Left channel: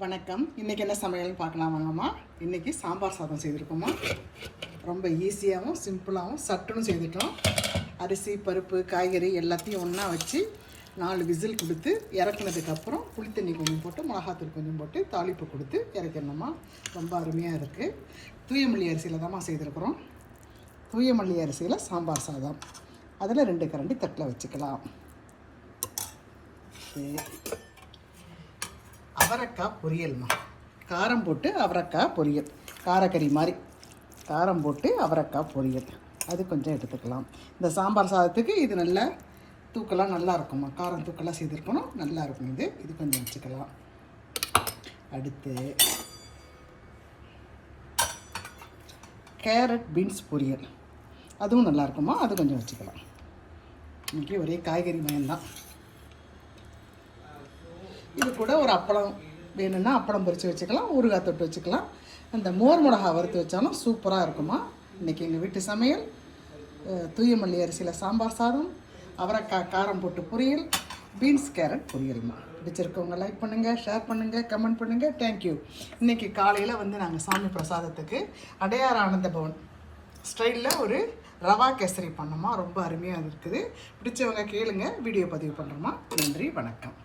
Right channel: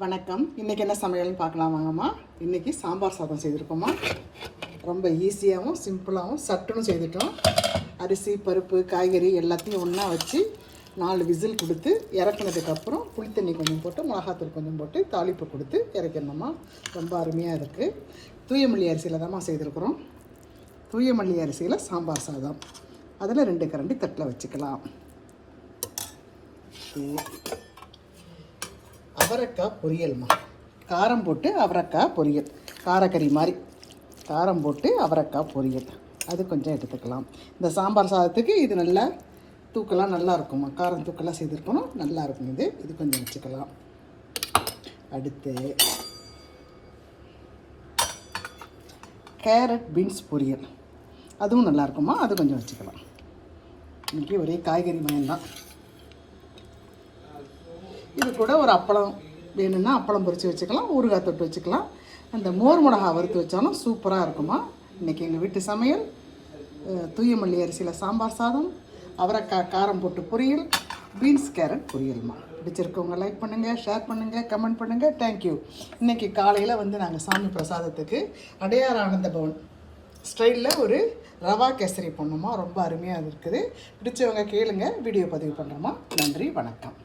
வணக்கம். இன்றைக்கி என்ன சமையல்னு பார்க்கலாம் வாங்கம்மா. இன்றைக்கி சாம்பார் சாதம் செய்திருக்கோம்மா. ரொம்ப ஈஸியாகவும் சிம்பிளாகவும் சட்டுன்னு செய்துட்டோம். அரிசி பருப்பு காய்கறி எல்லாத்தையும் ஒன்றா வச்சு 4 விசில் கொடுத்து இறக்குனதுக்கப்புறம் புளித்தண்ணி கொஞ்சம் போட்டு மிளகாத்தூள் கொஞ்சம் போட்டு தாளிப்பு கொடுத்து இறக்கிடணும்மா. ரொம்ப அருமையாக இருக்குது. தூயமல்லி அரிசியில் தான்மா செய்திருக்கிறோம். தூயமல்லி அரிசியில் சாம்பார் சாதம். அதில் 2 கரண்டி தட்டில் வச்சுக்கலாம். அவரைக்காய் பொரியல்மா. காரம் போட்டு அவரைக்காய் பொரியல், காரக்கறி மாதிரி காரம் போட்டு அவரைக்காய் பொரியல், அது கொஞ்சம் எடுத்துக்கலாம். இந்த சாம்பார் சாதத்துக்கு இது நல்லா தூக்கெல்லாம் நல்லா இருக்குமா. காரம் தூக்கெல்லாம் செய்திருக்கணும், நல்லா இருக்கும். இது கொஞ்சம் வச்சுக்கலாம். அடுத்து கேரட் பீன்ஸ் பொரியல், அதுவும் நல்லா இருக்குமா, அது கொஞ்சம் வச்சுக்கலாம். இன்றைக்கி ஒரே காய்கறி மயம்தான். இது கூட ஒரு அப்பளம் வேணும்னா அப்பளம் பொரித்து வச்சுக்கலாம், ஊறுகாய் தொட்டு வச்சுக்கலாம். அந்த மோர் மிளகா வறுத்து வச்சாலும் சூப்பராக இருக்குமா. இன்றைக்கி எங்கள் வீட்டு சமையல் தூயமல்லி அரிசியில் சாம்பார் சாதம், அவரைக்காய் காரம் போட்டு பொரியல், பீன்ஸ் கேரட் பொரியல்மா. பிடிச்சிருக்கவங்க லைக் பண்ணுங்கள், ஷேர் பண்ணுங்கள், கமெண்ட் பண்ணுங்கள். தேங்க்யூ. இன்றைக்கி காலையில் நாங்கள் சாமி பிரசாதத்துக்கு அடையார் ஆனந்த பவன் ஸ்டைலில் ஒரு ரவா கேசரி பண்ணோமா. ரொம்ப அருமையாக இருக்குது. பிடிச்சவங்க கேளுங்க, வீடியோ பதிவு பண்ணுறோமா. நன்றி, வணக்கம்.